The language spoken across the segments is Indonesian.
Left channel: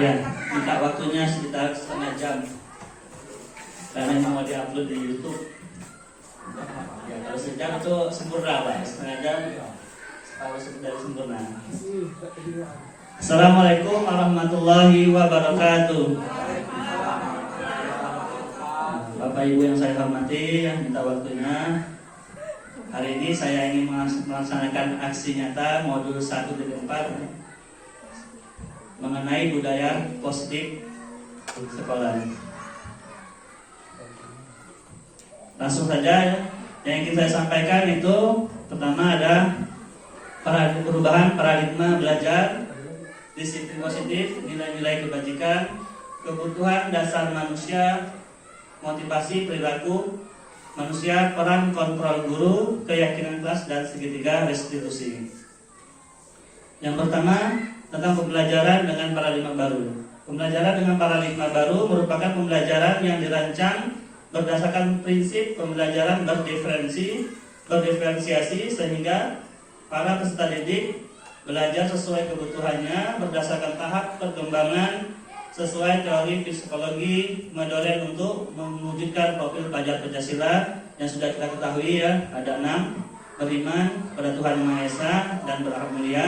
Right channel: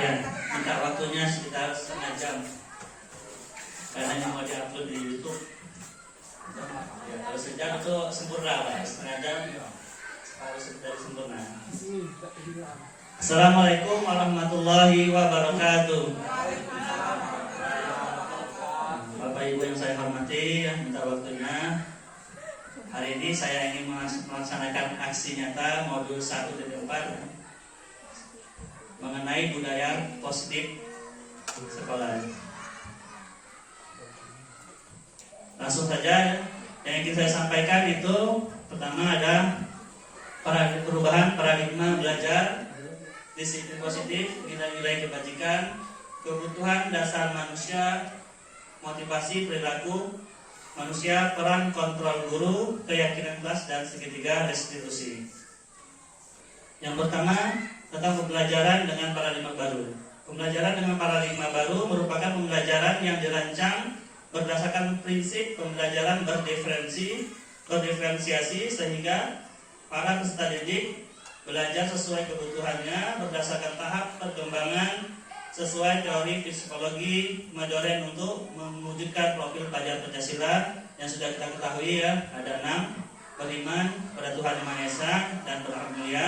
Ya, minta waktunya sekitar setengah jam karena ini mau diupload di YouTube. Ya, kalau sejam itu sempurna Pak, setengah jam kalau sudah sempurna. Assalamualaikum warahmatullahi wabarakatuh. Bapak Ibu yang saya hormati, minta waktunya. Hari ini saya ingin melaksanakan aksi nyata modul 1.4 mengenai budaya positif sekolah. Langsung saja yang ingin saya sampaikan itu pertama ada perubahan paradigma belajar, disiplin positif, nilai-nilai kebajikan, kebutuhan dasar manusia, motivasi perilaku manusia, peran kontrol guru, keyakinan kelas, dan segitiga restitusi. Yang pertama tentang pembelajaran dengan paradigma baru. Pembelajaran dengan paradigma baru merupakan pembelajaran yang dirancang berdasarkan prinsip pembelajaran berdiferensiasi sehingga para peserta didik belajar sesuai kebutuhannya berdasarkan tahap perkembangan sesuai teori psikologi Mendoreng untuk mewujudkan profil pelajar Pancasila yang sudah kita ketahui ya, ada 6: beriman pada Tuhan Yang Maha Esa dan berakhlak mulia,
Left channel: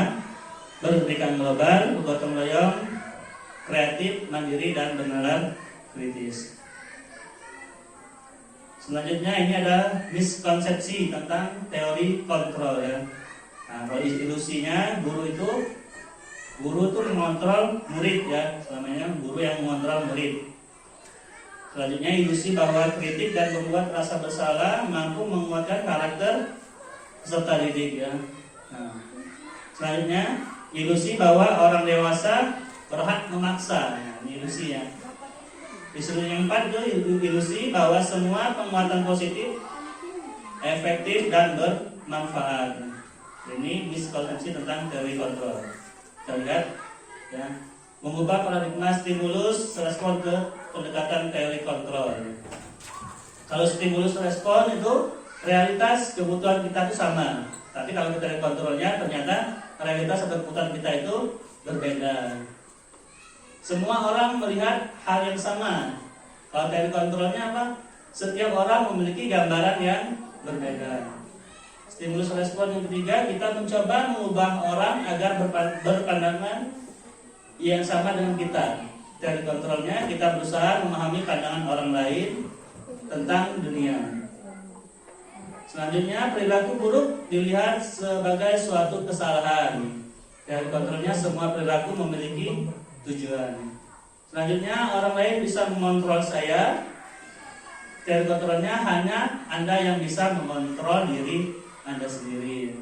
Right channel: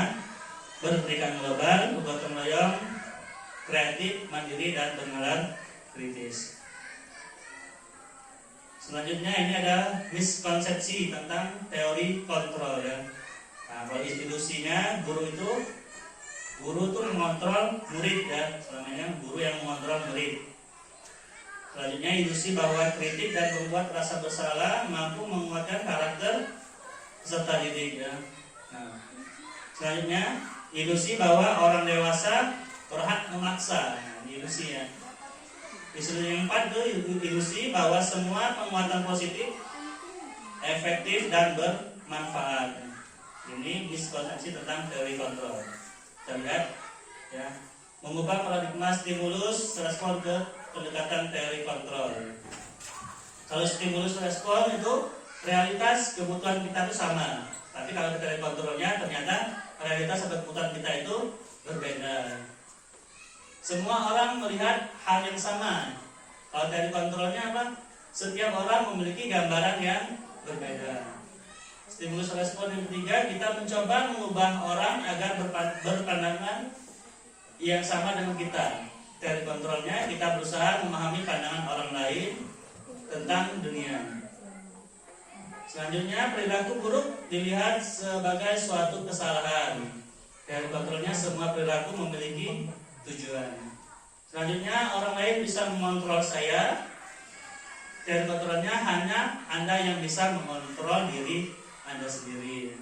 berberikan global, bergotong royong, kreatif, mandiri, dan bernalar kritis. Selanjutnya ini ada miskonsepsi tentang teori kontrol ya. Nah, kalau ilusinya guru itu mengontrol murid ya, selamanya guru yang mengontrol murid. Selanjutnya ilusi bahwa kritik dan membuat rasa bersalah mampu menguatkan karakter peserta didik ya. Nah, selanjutnya ilusi bahwa orang dewasa berhak memaksa. Nah, ini ilusi ya. Ilusi yang keempat itu ilusi bahwa semua penguatan positif efektif dan bermanfaat. Ini miskonsepsi tentang teori kontrol. Kita lihat ya, mengubah paradigma stimulus respon ke pendekatan teori kontrol. Kalau stimulus respon itu realitas kebutuhan kita itu sama, tapi kalau teori kontrolnya ternyata realitas kebutuhan kita itu berbeda. Semua orang melihat hal yang sama. Kalau teori kontrolnya apa? Setiap orang memiliki gambaran yang berbeda. Stimulus respon yang ketiga, kita mencoba mengubah orang agar berpandangan yang sama dengan kita. Teori kontrolnya, kita berusaha memahami pandangan orang lain tentang dunia. Selanjutnya, perilaku buruk dilihat sebagai suatu kesalahan. Teori kontrolnya, semua perilaku memiliki tujuan. Selanjutnya, orang lain bisa mengontrol saya. Teori kontrolnya, hanya Anda yang bisa mengontrol diri Anda sendiri.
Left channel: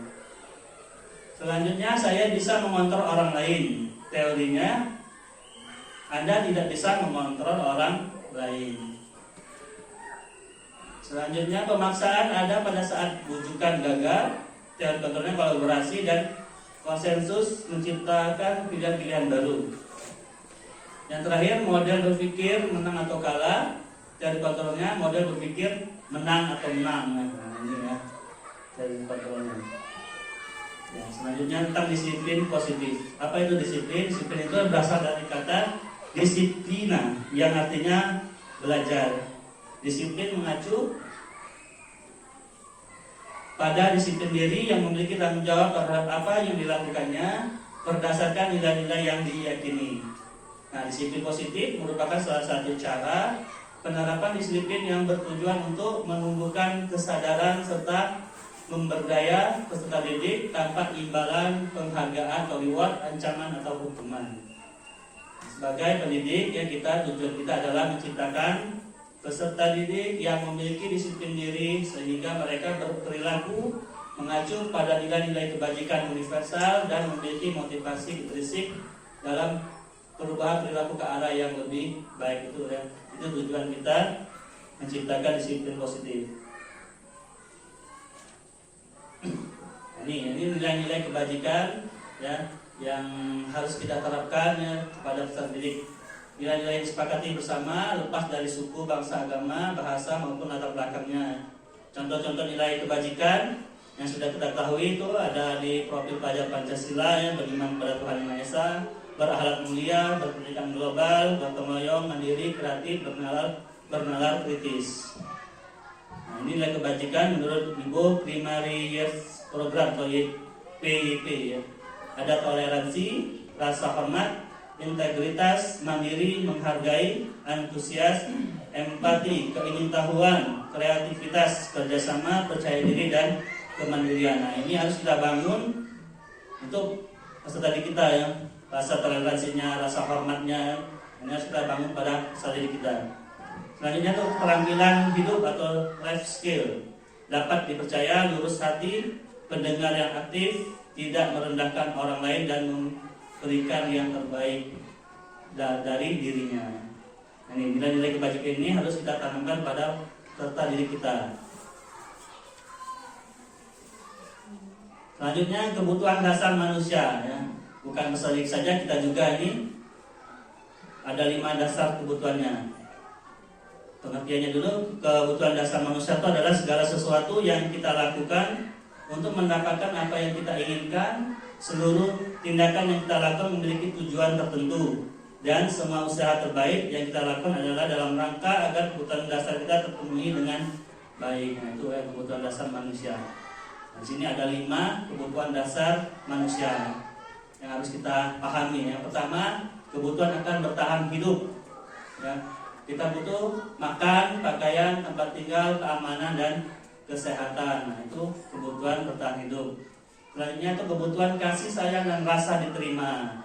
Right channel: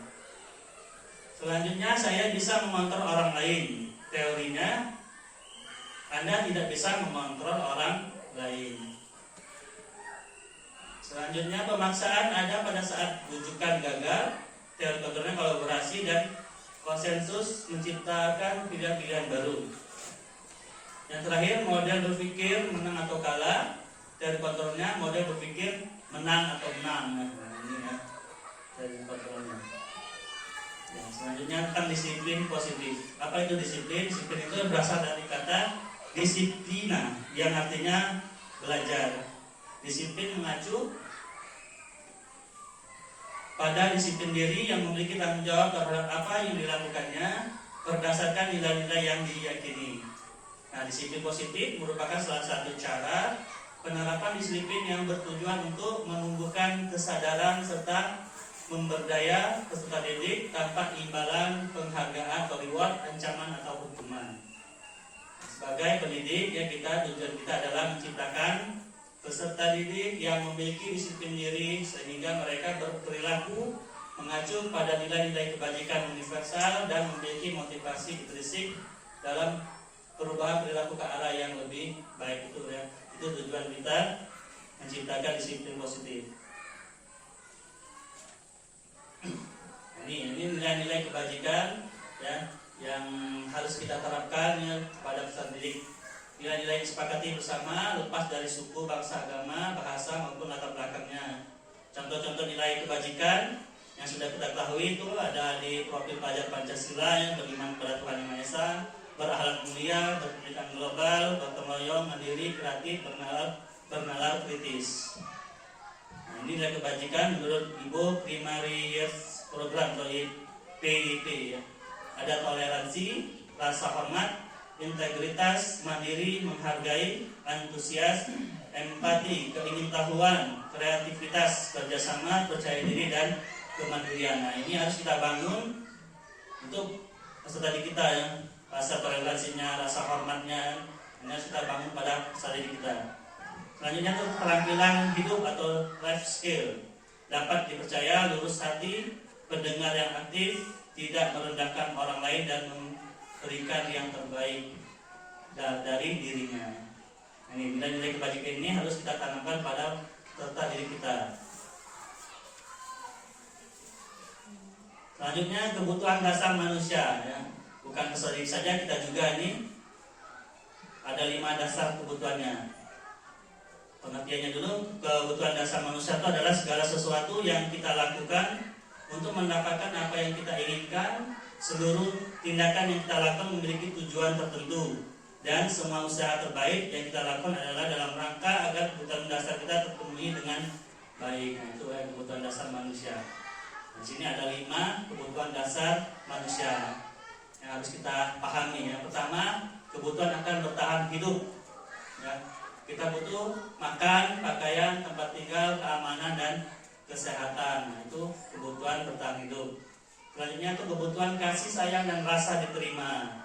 Selanjutnya, saya bisa mengontrol orang lain. Teorinya, Anda tidak bisa mengontrol orang lain. Selanjutnya, pemaksaan ada pada saat bujukan gagal. Teori kontrolnya kolaborasi dan konsensus menciptakan pilihan-pilihan baru. Yang terakhir, model berpikir menang atau kalah. Teori kontrolnya model berpikir menang atau menang. Nah, ini ya dari kontrolnya. Ya, selanjutnya tentang disiplin positif. Apa itu disiplin? Disiplin itu berasal dari kata disiplina yang artinya belajar. Disiplin mengacu pada disiplin diri yang memiliki tanggung jawab terhadap apa yang dilakukannya berdasarkan nilai-nilai yang diyakini. Nah, disiplin positif merupakan salah satu cara penerapan disiplin yang bertujuan untuk menumbuhkan kesadaran serta memberdaya peserta didik tanpa imbalan, penghargaan atau reward, ancaman atau hukuman. Sebagai pendidik ya, tujuan kita adalah menciptakan peserta didik yang memiliki disiplin diri sehingga mereka berperilaku mengacu pada nilai-nilai kebajikan universal dan memiliki motivasi intrinsik dalam perubahan perilaku ke arah yang lebih baik itu ya. Itu tujuan kita menciptakan disiplin positif. Ini nilai-nilai kebajikan ya yang harus kita terapkan ya, kepada peserta didik. Nilai-nilai disepakati bersama lepas dari suku, bangsa, agama, bahasa maupun latar belakangnya. Contoh-contoh nilai kebajikan yang sudah kita ketahui itu ada di profil pelajar Pancasila ya, beriman pada Tuhan Yang Maha Esa, berakhlak mulia, berpendidikan global, gotong royong, mandiri, kreatif, bernalar kritis. Nah, ini nilai kebajikan menurut Ibu Primary Years Program atau PIP ya. Ada toleransi, rasa hormat, integritas, mandiri, menghargai, antusias, empati, keingintahuan, kreativitas, kerjasama, percaya diri, dan kemandirian. Nah, ini harus kita bangun untuk peserta didik kita ya. Rasa toleransinya, rasa hormatnya, ini harus kita bangun pada peserta didik kita. Selanjutnya itu keterampilan hidup atau life skill. Dapat dipercaya, lurus hati, pendengar yang aktif, tidak merendahkan orang lain, dan memberikan yang terbaik dari dirinya. Nah, ini nilai-nilai kebajikan ini harus kita tanamkan pada peserta didik kita. Selanjutnya kebutuhan dasar manusia ya. Bukan peserta didik saja, kita juga ini ada 5 dasar kebutuhannya. Pengertiannya dulu, kebutuhan dasar manusia itu adalah segala sesuatu yang kita lakukan untuk mendapatkan apa yang kita inginkan. Seluruh tindakan yang kita lakukan memiliki tujuan tertentu, dan semua usaha terbaik yang kita lakukan adalah dalam rangka agar kebutuhan dasar kita terpenuhi dengan baik. Nah, itu kebutuhan dasar manusia. Di sini ada 5 kebutuhan dasar manusia yang harus kita pahami. Yang pertama, kebutuhan akan bertahan hidup. Ya, kita butuh makan, pakaian, tempat tinggal, keamanan, dan kesehatan. Nah, itu kebutuhan bertahan hidup. Selanjutnya itu kebutuhan kasih sayang dan rasa diterima.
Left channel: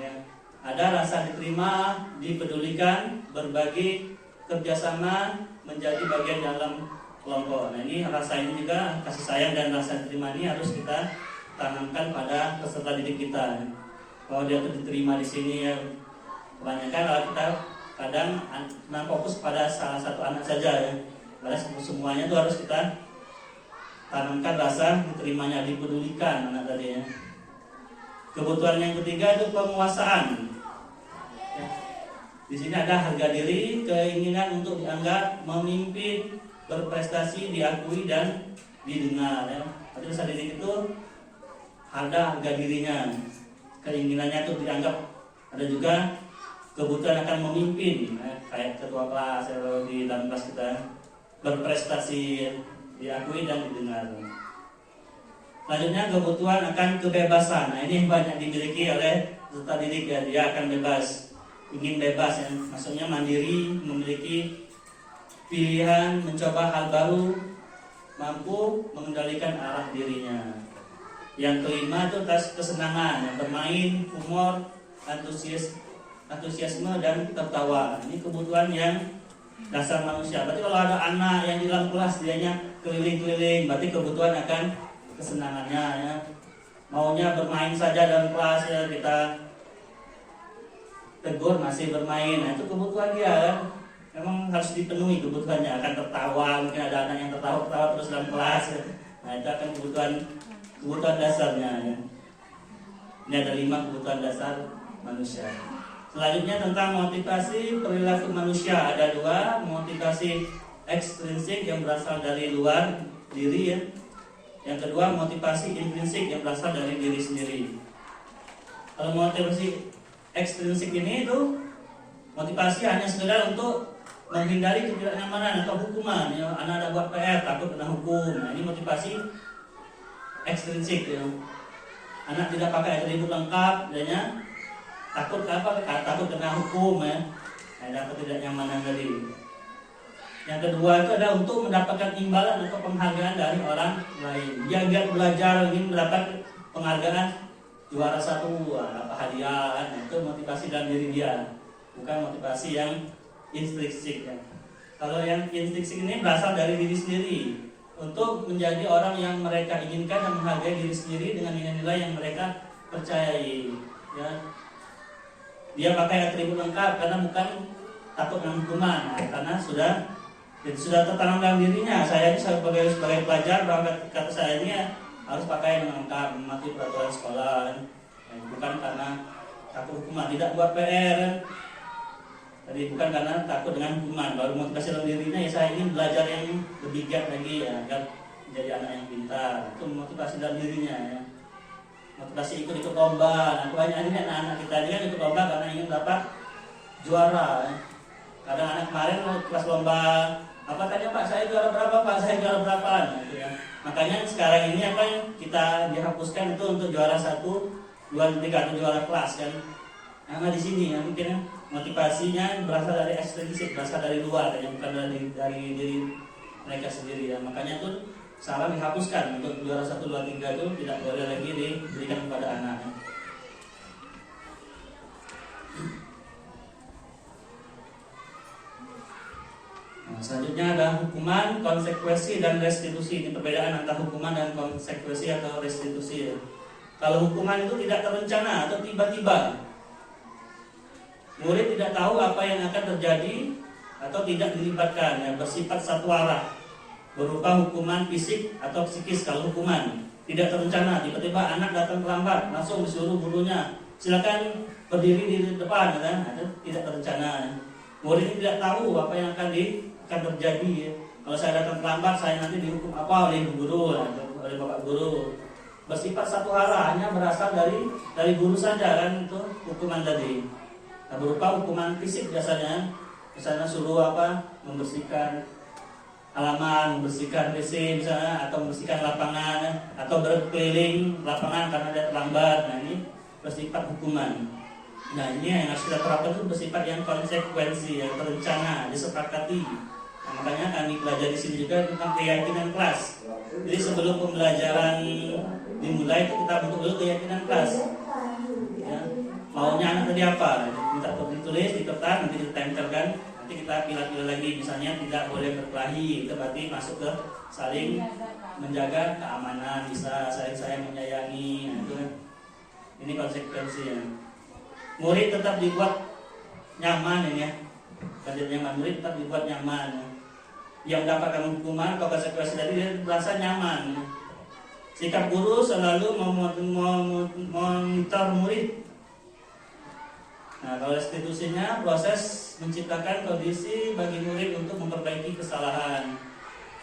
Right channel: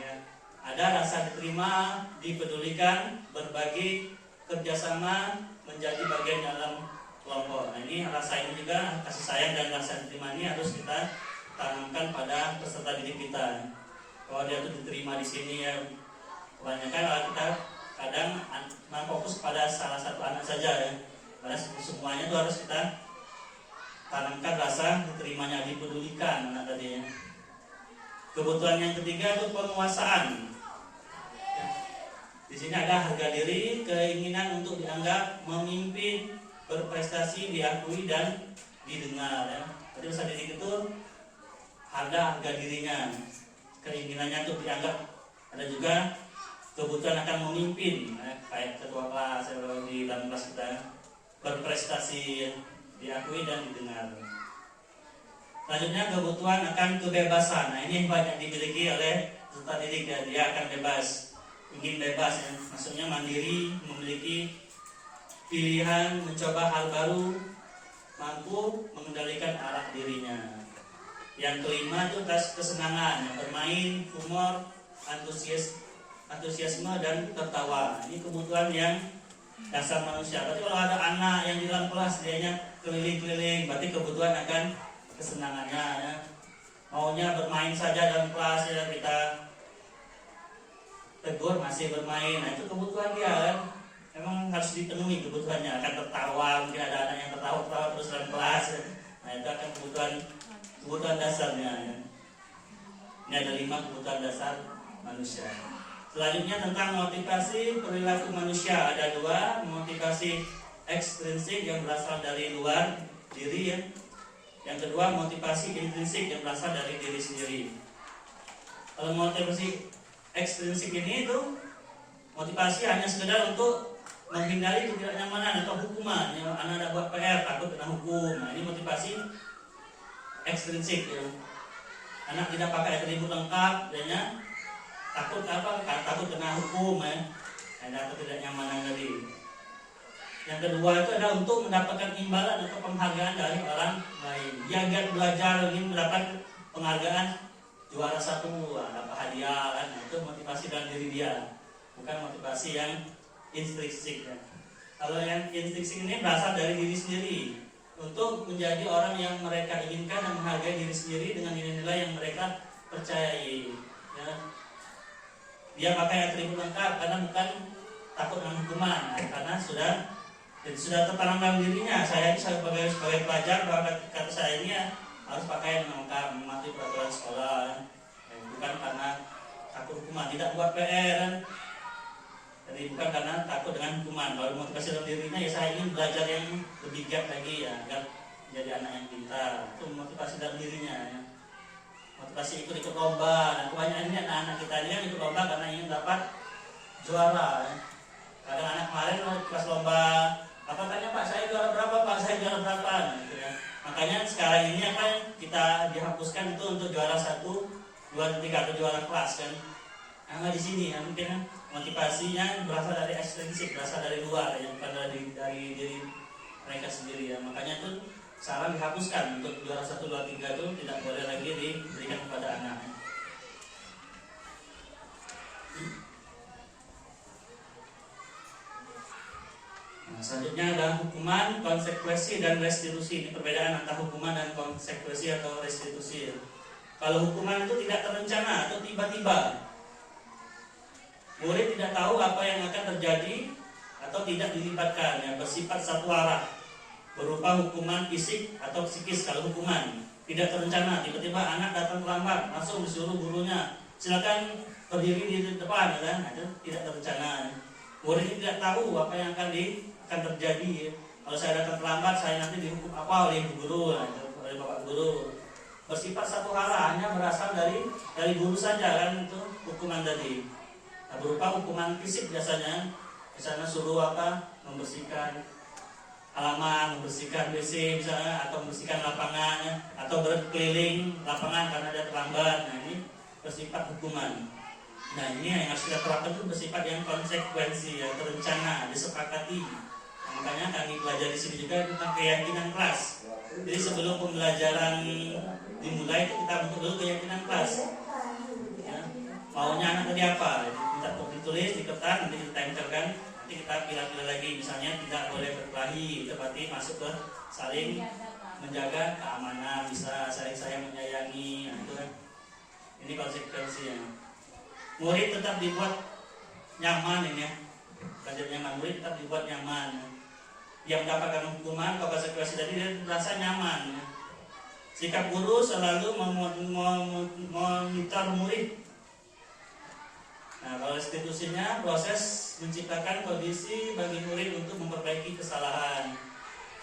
Ya, ada rasa diterima, dipedulikan, berbagi, kerjasama, menjadi bagian dalam kelompok. Nah, ini rasa ini juga, kasih sayang dan rasa diterima ini harus kita tanamkan pada peserta didik kita. Kalau dia tuh diterima di sini ya, kebanyakan kita kadang fokus pada salah satu anak saja ya. Pada semuanya itu harus kita tanamkan rasa diterimanya, dipedulikan anak tadi ya. Kebutuhan yang ketiga itu penguasaan. Ya. Di sini ada harga diri, keinginan untuk dianggap, memimpin, berprestasi, diakui, dan didengar ya. Jadi peserta didik itu ada harga dirinya, keinginannya untuk dianggap. Ada juga kebutuhan akan memimpin ya, kayak ketua kelas di dalam kelas kita, berprestasi, diakui, dan didengar. Selanjutnya kebutuhan akan kebebasan. Nah, ini banyak dimiliki oleh peserta didik ya. Dia akan bebas, ingin bebas ya. Maksudnya mandiri, memiliki pilihan, mencoba hal baru, mampu mengendalikan arah dirinya. Yang kelima itu kesenangan, yang bermain, humor, antusiasme, dan tertawa. Ini kebutuhan yang dasar manusia. Berarti kalau ada anak yang di dalam kelas dianya keliling-keliling, berarti kebutuhan akan kesenangannya ya. Maunya bermain saja dalam kelas ya, kita tegur masih bermain. Nah, itu kebutuhan dia kan. Memang harus dipenuhi kebutuhannya, akan tertawa, mungkin ada anak yang tertawa terus dalam kelas ya. Nah, itu akan kebutuhan dasarnya ya. Ini ada 5 kebutuhan dasar manusia. Selanjutnya tentang motivasi perilaku manusia, ada 2, motivasi ekstrinsik yang berasal dari luar diri ya. Yang kedua, motivasi intrinsik yang berasal dari diri sendiri. Kalau motivasi ekstrinsik ini itu motivasi hanya sekedar untuk menghindari ketidaknyamanan atau hukuman ya. Anak ada buat PR takut kena hukum. Nah, ini motivasi ekstrinsik ya. Anak tidak pakai atribut lengkap, adanya takut takut kena hukum ya. Ada ketidaknyamanan tadi. Yang kedua itu adalah untuk mendapatkan imbalan atau penghargaan dari orang lain. Dia giat belajar ingin mendapat penghargaan juara 1, dapat hadiah kan. Itu motivasi dalam diri dia, bukan motivasi yang intrinsik ya. Kalau yang intrinsik ini berasal dari diri sendiri, untuk menjadi orang yang mereka inginkan dan menghargai diri sendiri dengan nilai-nilai yang mereka percayai ya. Dia pakai atribut lengkap karena bukan takut dengan hukuman ya, karena sudah tertanam dalam dirinya. Saya ini sebagai pelajar, bahwa kata saya ini ya, harus pakai lengkap, mematuhi peraturan sekolah kan. Bukan karena takut hukuman, tidak buat PR kan. Jadi bukan karena takut dengan hukuman. Baru motivasi dalam dirinya ya, saya ingin belajar yang lebih giat lagi ya, agar menjadi anak yang pintar. Itu motivasi dalam dirinya ya. motivasi ikut lomba. Nah, kebanyakan ini anak-anak kita ini kan ikut lomba karena ingin dapat juara. Kadang anak kemarin kelas lomba apa tanya Pak, saya juara berapa Pak, saya juara berapa, gitu ya. Makanya sekarang ini apa yang kita dihapuskan itu untuk juara 1, 2, 3 atau juara kelas kan. Nah di sini ya mungkin ya, motivasinya berasal dari ekstrinsik, berasal dari luar ya, bukan dari diri mereka sendiri ya. Makanya itu saran dihapuskan untuk juara 1, 2, 3 itu tidak boleh lagi diberikan kepada anak. Nah, selanjutnya ada hukuman, konsekuensi, dan restitusi. Ini perbedaan antara hukuman dan konsekuensi atau restitusi. Kalau hukuman itu tidak terencana atau tiba-tiba, murid tidak tahu apa yang akan terjadi atau tidak dilibatkan, yang bersifat satu arah, berupa hukuman fisik atau psikis. Kalau hukuman tidak terencana, tiba-tiba anak datang terlambat, langsung disuruh gurunya silakan berdiri di depan, kan? Itu tidak terencana. Murid tidak tahu apa yang akan terjadi. Ya. Kalau saya datang terlambat, saya nanti dihukum apa oleh guru, oleh bapak guru. Bersifat satu arah, hanya berasal dari guru saja kan itu hukuman tadi. Nah, berupa hukuman fisik biasanya, misalnya suruh membersihkan halaman, membersihkan WC misalnya, atau membersihkan lapangan, atau berkeliling lapangan karena dia terlambat. Nah ini bersifat hukuman. Nah ini yang harus kita terapkan itu bersifat yang konsekuensi, yang terencana, disepakati. Nah, makanya kami belajar di sini juga tentang keyakinan kelas. Jadi sebelum pembelajaran dimulai itu kita bentuk dulu keyakinan kelas. Ya, maunya anak tadi apa? Minta ditulis di kertas, nanti kita tempelkan. Nanti kita pilih-pilih lagi. Misalnya tidak boleh berkelahi, itu berarti masuk ke saling menjaga keamanan, bisa saling sayang menyayangi. Nah, itu kan. Ini konsekuensinya. Murid tetap dibuat nyaman ini ya. Belajar nyaman, murid tetap dibuat nyaman. Ya. Yang mendapatkan hukuman atau konsekuensi tadi dia merasa nyaman. Ya. Sikap guru selalu memonitor murid. Nah, kalau restitusinya proses menciptakan kondisi bagi murid untuk memperbaiki kesalahan.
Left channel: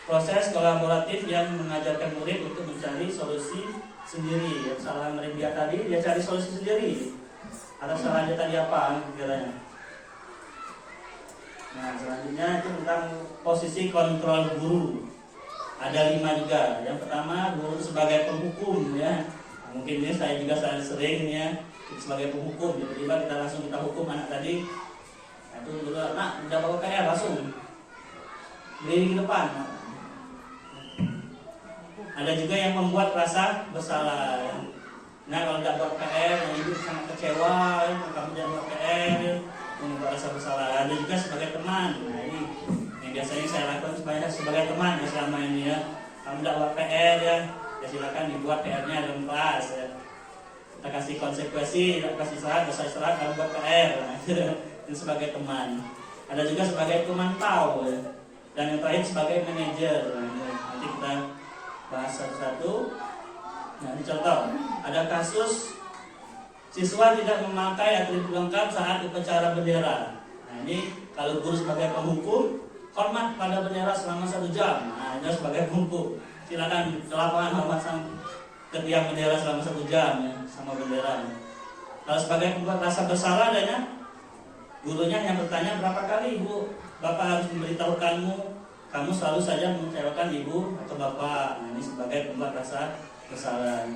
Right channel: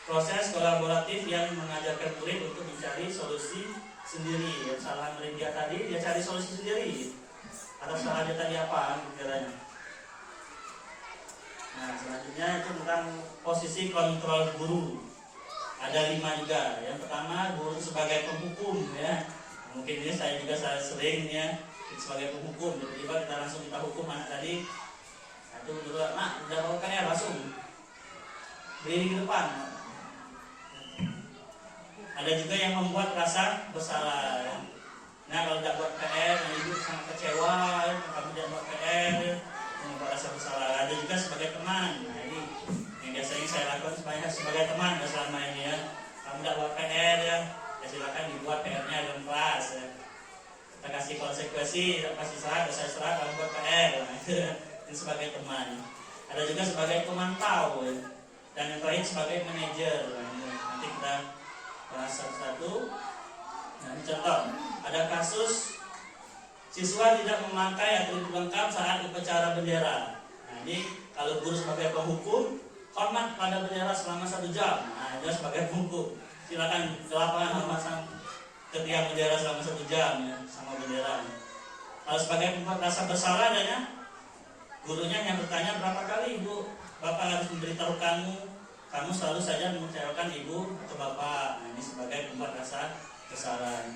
Proses kolaboratif yang mengajarkan murid untuk mencari solusi sendiri. Yang kesalahan murid dia tadi, dia cari solusi sendiri. Atas salahnya tadi apa kiranya. Nah selanjutnya itu tentang posisi kontrol guru. Ada 5 juga. Yang pertama guru sebagai penghukum ya. Mungkin ini saya juga sering ya sebagai penghukum. Tiba-tiba kita langsung kita hukum anak tadi. Nah, itu dulu nak udah bawa KR langsung berdiri di depan. Ada juga yang membuat rasa bersalah. Ya. Nah kalau tidak buat PR, ibu sangat kecewa, kamu tidak buat PR, membuat rasa bersalah. Ada juga sebagai teman. Nah ini yang biasanya saya lakukan sebagai teman ya selama ini ya. Kamu tidak buat PR ya silakan dibuat PR-nya dalam kelas. Ya. Kita kasih konsekuensi, tidak kasih serat, kamu buat PR. Nah, ini sebagai teman. Ada juga sebagai pemantau ya. Dan yang terakhir sebagai manajer. Nah, nanti kita bahas satu-satu. Nah, ini contoh, ada kasus siswa tidak memakai atribut lengkap saat upacara bendera. Nah, ini kalau guru sebagai penghukum, hormat pada bendera selama 1 jam. Nah, itu sebagai penghukum. Silakan ke lapangan memasang ke tiang bendera selama 1 jam ya, sama bendera. Kalau sebagai pembuat rasa bersalah adanya, gurunya yang bertanya berapa kali ibu, bapak harus memberitahukanmu, kamu selalu saja mengecewakan ibu atau bapak. Nah, ini sebagai pembuat rasa kesalahan.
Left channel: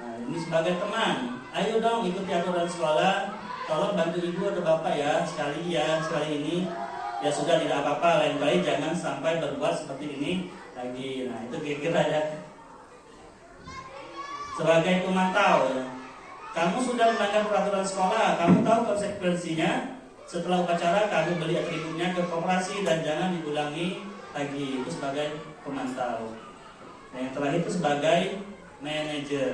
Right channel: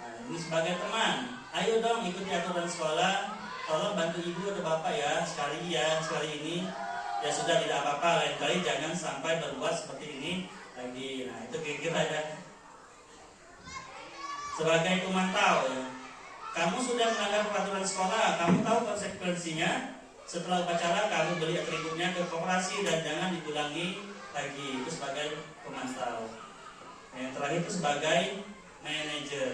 Nah, ini sebagai teman, ayo dong ikuti aturan sekolah, tolong bantu ibu atau bapak ya sekali ini ya sudah tidak apa-apa, lain kali jangan sampai berbuat seperti ini lagi. Nah itu kira-kira ya. Sebagai pemantau ya, kamu sudah melanggar peraturan sekolah, kamu tahu konsekuensinya. Setelah upacara kamu beli atributnya ke koperasi dan jangan diulangi lagi. Itu sebagai pemantau. Yang terakhir itu sebagai manajer.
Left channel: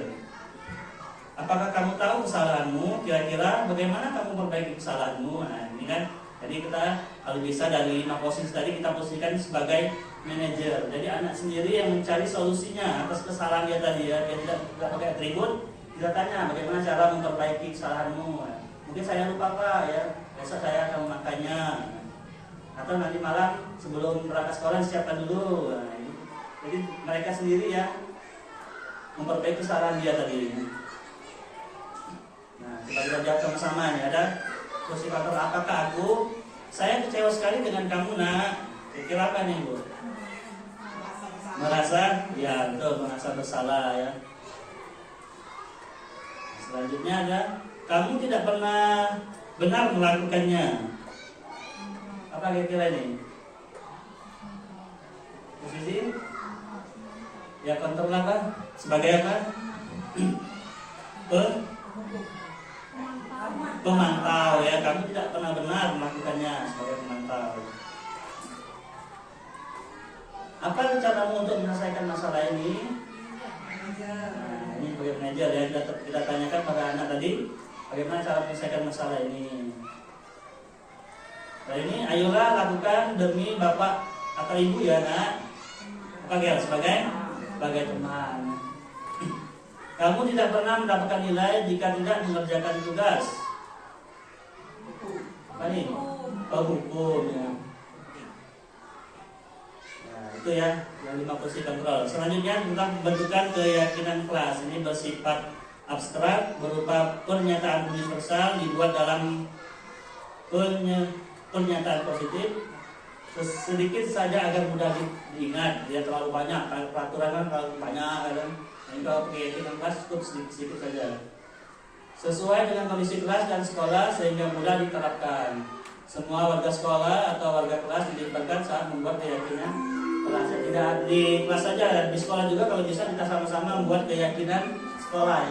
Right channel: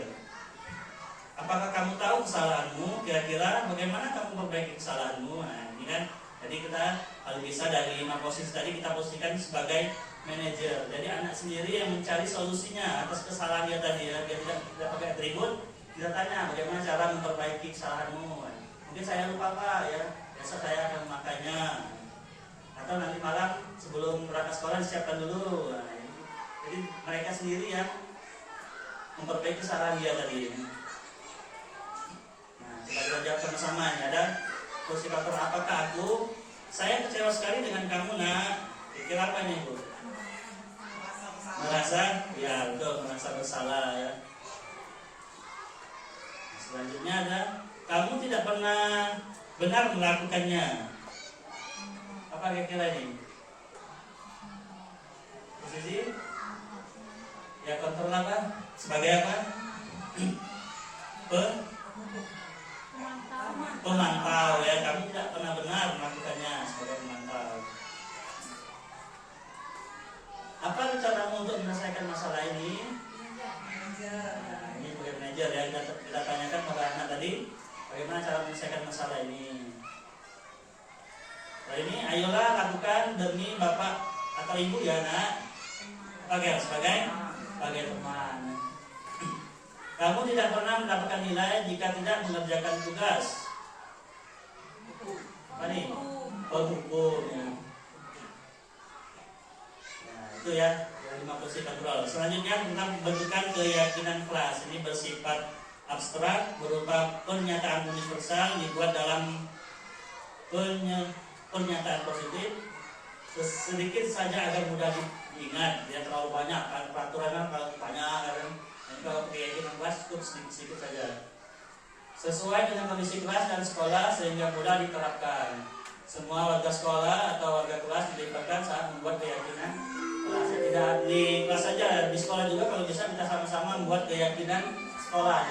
Apakah kamu tahu kesalahanmu? Kira-kira bagaimana kamu memperbaiki kesalahanmu? Nah ini kan, jadi kita kalau bisa dari 5 posisi tadi kita posisikan sebagai manajer. Jadi anak sendiri yang mencari solusinya atas kesalahan dia tadi ya. Dia tidak pakai atribut, kita tanya bagaimana cara memperbaiki kesalahanmu. Mungkin saya lupa Pak ya, besok saya akan memakannya. Atau nanti malam sebelum berangkat sekolah siapkan dulu. Nah, jadi mereka sendiri memperbaiki kesalahan dia tadi. Nah, kita jawab sama-sama ya. Ada kursi faktor, apakah saya kecewa sekali dengan kamu nak? Kira apa nih Bu? Merasa, ya betul, merasa bersalah ya. Selanjutnya ada, kamu tidak pernah benar melakukannya. Apa kira-kira ini? Posisi? Ya kontrol apa? Sebagai apa? Pemantau ya. Kamu tidak pernah benar melakukannya sebagai pemantau. Apa rencanamu untuk menyelesaikan masalah ini? Nah, ini sebagai manajer ya. Kita tanyakan pada anak tadi, bagaimana cara menyelesaikan masalah ini. Nah ini, ayolah lakukan demi bapak atau ibu ya nak. Sebagai teman. Kamu tidak pernah mendapatkan nilai jika tidak mengerjakan tugas. Apa nih? Oh, hukum ya. Nah, itu ya yang 5 posisi kontrol. Selanjutnya tentang pembentukan keyakinan kelas. Ini bersifat abstrak berupa pernyataan universal dibuat dalam pernyataan positif sedikit saja agar mudah diingat. Tidak terlalu banyak. Peraturan kan terlalu banyak kan. Ini kalau keyakinan kelas cukup sedikit saja. Sesuai dengan kondisi kelas dan sekolah sehingga mudah diterapkan. Semua warga sekolah atau warga kelas dilibatkan saat membuat keyakinan kelas. Tidak di kelas saja, di sekolah juga kalau bisa kita sama-sama membuat keyakinan sekolah.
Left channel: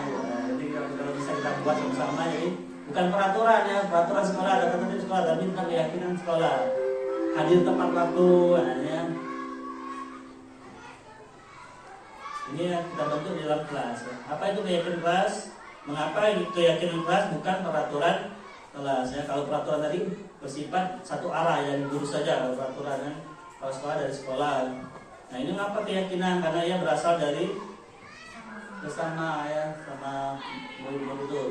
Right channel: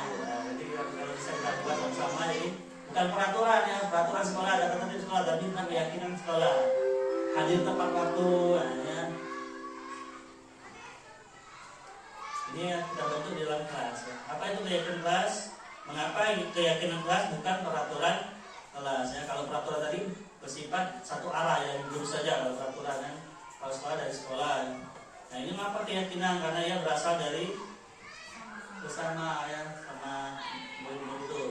Jadi kalau bisa kita buat sama-sama, jadi bukan peraturan ya, peraturan sekolah ada tertentu sekolah, tapi tentang keyakinan sekolah. Hadir tepat waktu, ya. Ini kita bentuk di dalam kelas. Ya. Apa itu keyakinan kelas? Mengapa keyakinan kelas bukan peraturan kelas? Ya, kalau peraturan tadi bersifat satu arah yang guru saja, kalau peraturan kan, kalau sekolah dari sekolah. Nah ini mengapa keyakinan? Karena ia berasal dari bersama ya, sama murid-murid itu.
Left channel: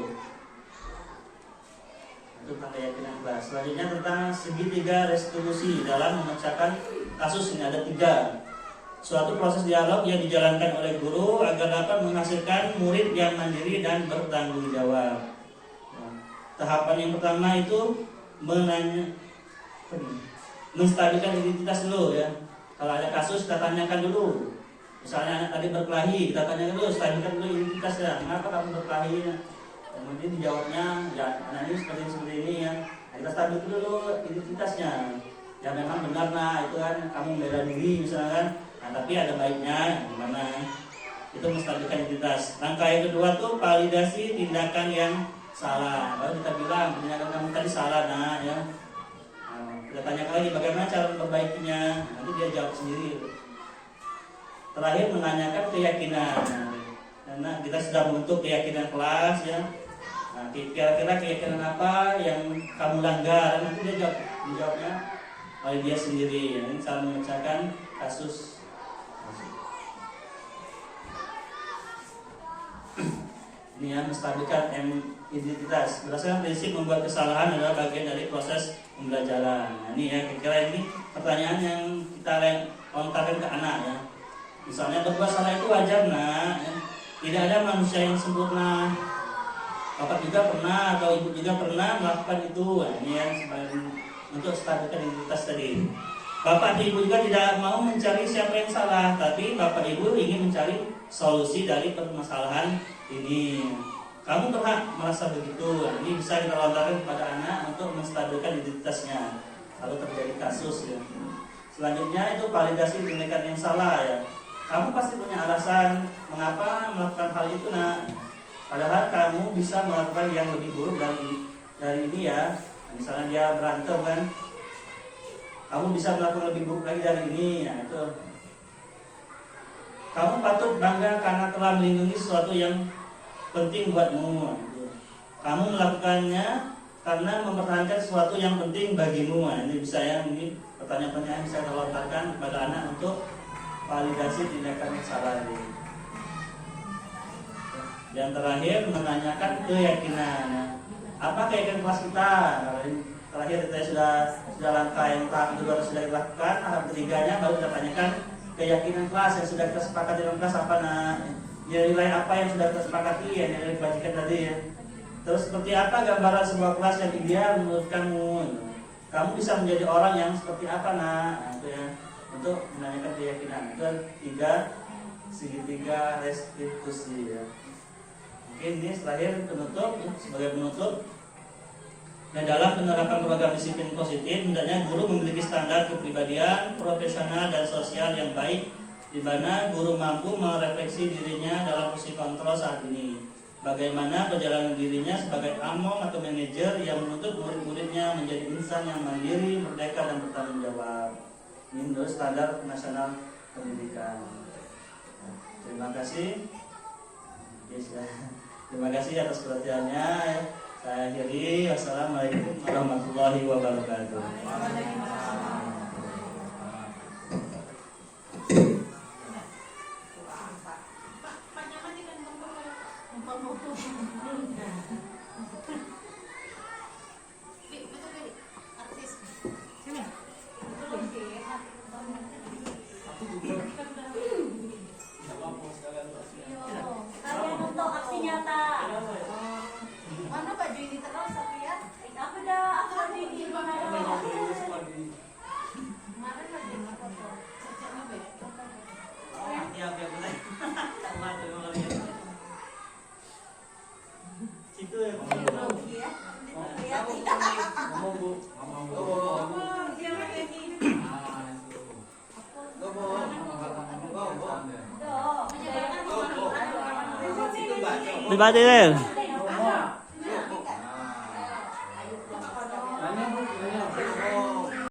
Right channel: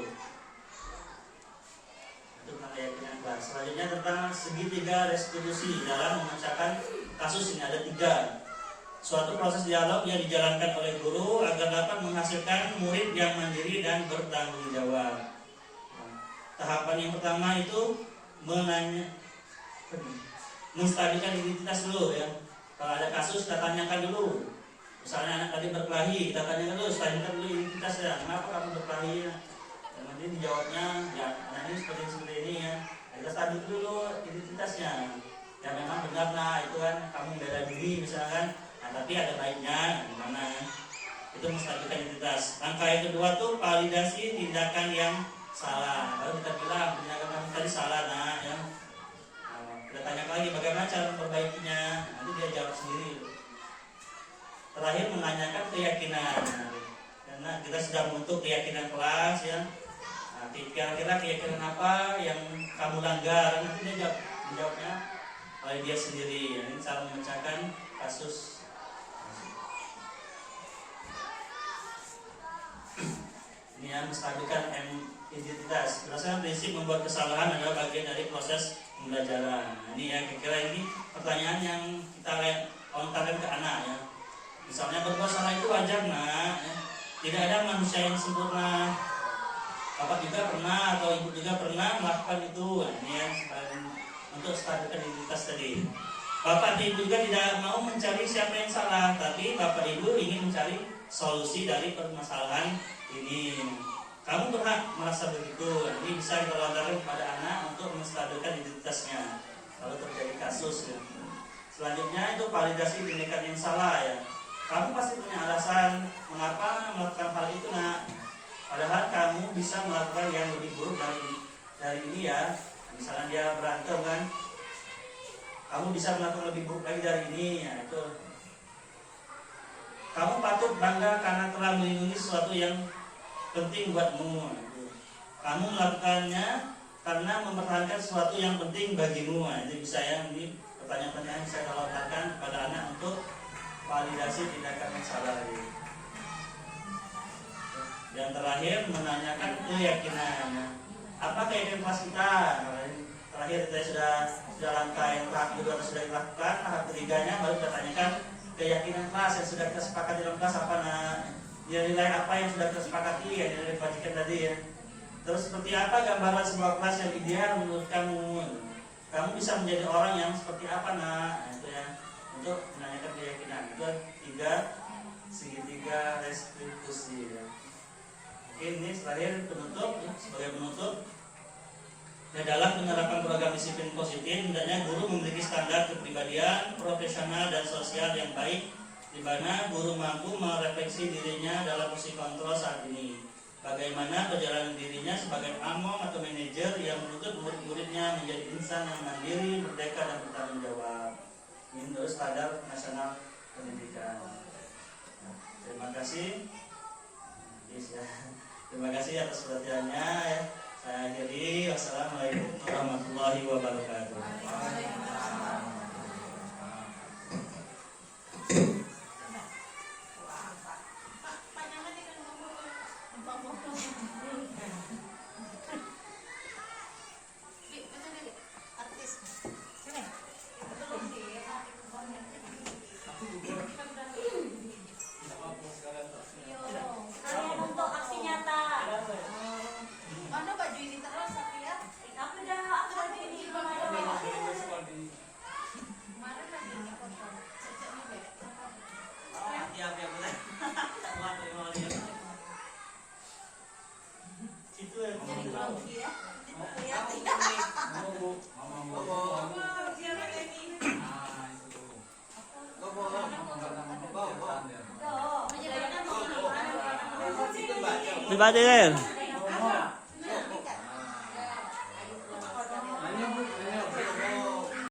Itu tentang keyakinan kelas. Selanjutnya tentang segitiga restitusi dalam memecahkan kasus ini ada 3. Suatu proses dialog yang dijalankan oleh guru agar dapat menghasilkan murid yang mandiri dan bertanggung jawab. Nah, tahapan yang pertama itu menstabilkan identitas dulu ya. Kalau ada kasus kita tanyakan dulu. Misalnya anak tadi berkelahi, kita tanyakan dulu, stabilkan dulu identitasnya. Kenapa kamu berkelahi? Kemudian dijawabnya, ya anak ini seperti ini ya. Nah, kita stabilkan dulu identitasnya. Ya memang benar nah itu kan kamu bela diri misalkan. Nah, tapi ada baiknya gimana ya? Itu menstabilkan identitas. Langkah yang kedua tuh validasi tindakan yang salah. Baru kita bilang tindakan kamu tadi salah nah ya. Nah, kita tanyakan lagi bagaimana cara memperbaikinya. Nanti dia jawab sendiri. Terakhir menanyakan keyakinan. Nah, karena kita sudah membentuk keyakinan kelas ya. Nah, kira-kira keyakinan apa yang kamu langgar? Nanti dia jawabnya oleh dia sendiri. Ya. Ini cara memecahkan kasus. Ini yang menstabilkan identitas. Berdasarkan prinsip membuat kesalahan adalah bagian dari proses pembelajaran. Nah, ini ya kira-kira ini pertanyaan yang kita lontarkan ke anak ya. Misalnya berbuat salah itu wajar nak. Ya. Tidak ada manusia yang sempurna. Bapak juga pernah atau ibu juga pernah melakukan itu. Nah, ini yang untuk stabilkan identitas tadi. Bapak dan ibu juga tidak mau mencari siapa yang salah, tapi bapak ibu ingin mencari solusi dari permasalahan ini. Kamu pernah merasa begitu? Ini bisa kita lontarkan kepada anak untuk menstabilkan identitasnya kalau terjadi kasus ya. Selanjutnya itu validasi tindakan yang salah ya. Kamu pasti punya alasan mengapa melakukan hal itu nak. Padahal kamu bisa melakukan yang lebih buruk dari ini ya. Misalnya dia berantem kan, kamu bisa melakukan lebih buruk lagi dari ini ya. Itu kamu patut bangga karena telah melindungi sesuatu yang penting buatmu. Kamu melakukannya karena mempertahankan sesuatu yang penting bagimu. Ini bisa ya, ini pertanyaan-pertanyaan bisa dilontarkan kepada anak untuk validasi tindakan yang salah ini. Yang terakhir menanyakan keyakinan. Apa keyakinan kelas kita? Terakhir kita sudah langkah yang kedua sudah dilakukan. Tahap ketiganya baru kita tanyakan keyakinan kelas yang sudah kita sepakati dalam kelas apa nak? nilai apa yang sudah tersepakati ya, nilai kebajikan tadi ya. Terus seperti apa gambaran sebuah kelas yang ideal menurut kamu? Kamu bisa menjadi orang yang seperti apa nak? Nah, itu ya, untuk menanyakan keyakinan. Itu tiga segitiga restitusi ya. Mungkin ini terakhir penutup ya, sebagai penutup. Ya, dalam penerapan program disiplin positif, hendaknya guru memiliki standar kepribadian, profesional dan sosial yang baik, di mana guru mampu merefleksi dirinya dalam fungsi kontrol saat ini. Bagaimana perjalanan dirinya sebagai among atau manajer yang menuntut murid-muridnya menjadi insan yang mandiri, merdeka dan bertanggung jawab. Ini menurut standar nasional pendidikan. Nah, terima kasih. Yes, ya. Terima kasih atas perhatiannya. Ya. Saya akhiri. Wassalamualaikum warahmatullahi wabarakatuh. Dibaca deh.